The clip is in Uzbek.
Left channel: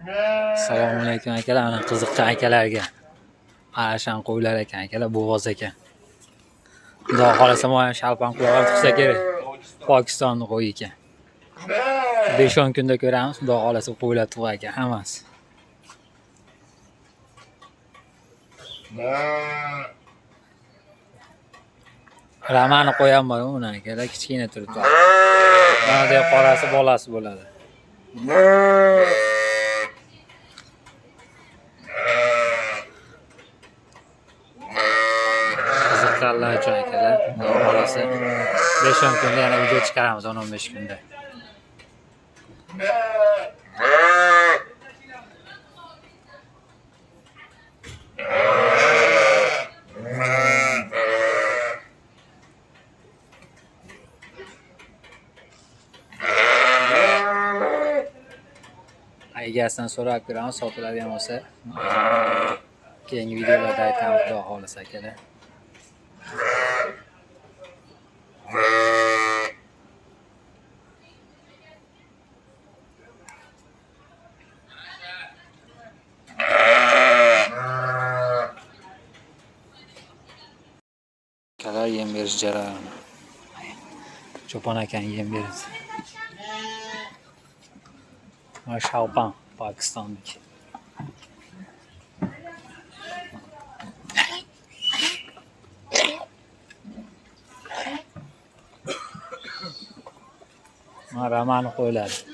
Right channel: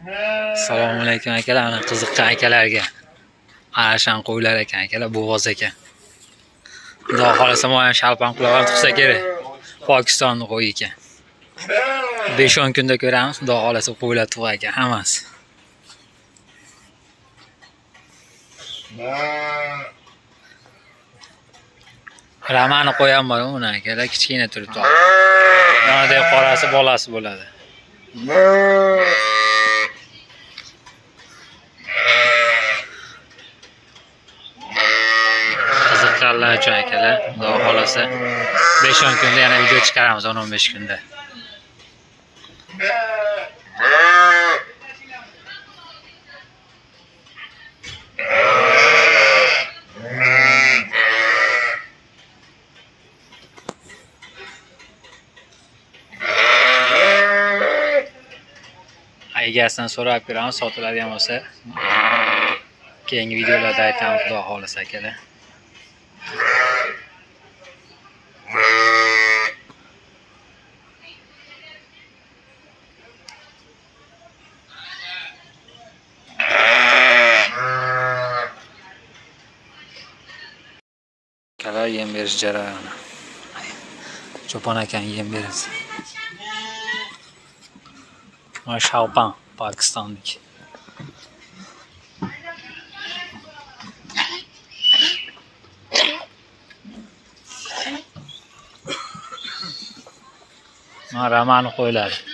Assalomu alaykum akalar, ana qiziqqan akalarga. Arashan qo'ylar ekan akalar, bo'g'oz ekan. Xudo xolasa men ham shalpam qilib ham tug'sa kerak. Pokistonni qo'yi ekan. 5-10 kunda ko'ramiz, xudo xolasa qo'ylar tug'ar ekan hammasi. Ramani qo'yam bor uni akalar, kichkina turibdi. Yonidagi qorasi bolasi bo'ladi. Qiziqqanlar uchun akalar, xudo xolasa 5-10 kunda yana video chiqaramiz, 10-15 kunda. Egasidan so'rab ko'ramiz, sotiladigan bo'lsa keyingi videolarda aytamiz, xudo xolasa akalar. Akalar yem berish jarayoni. Cho'pon akam yem beradi. Mana shalpan Pokistonlik. Mana ramani qo'yladi.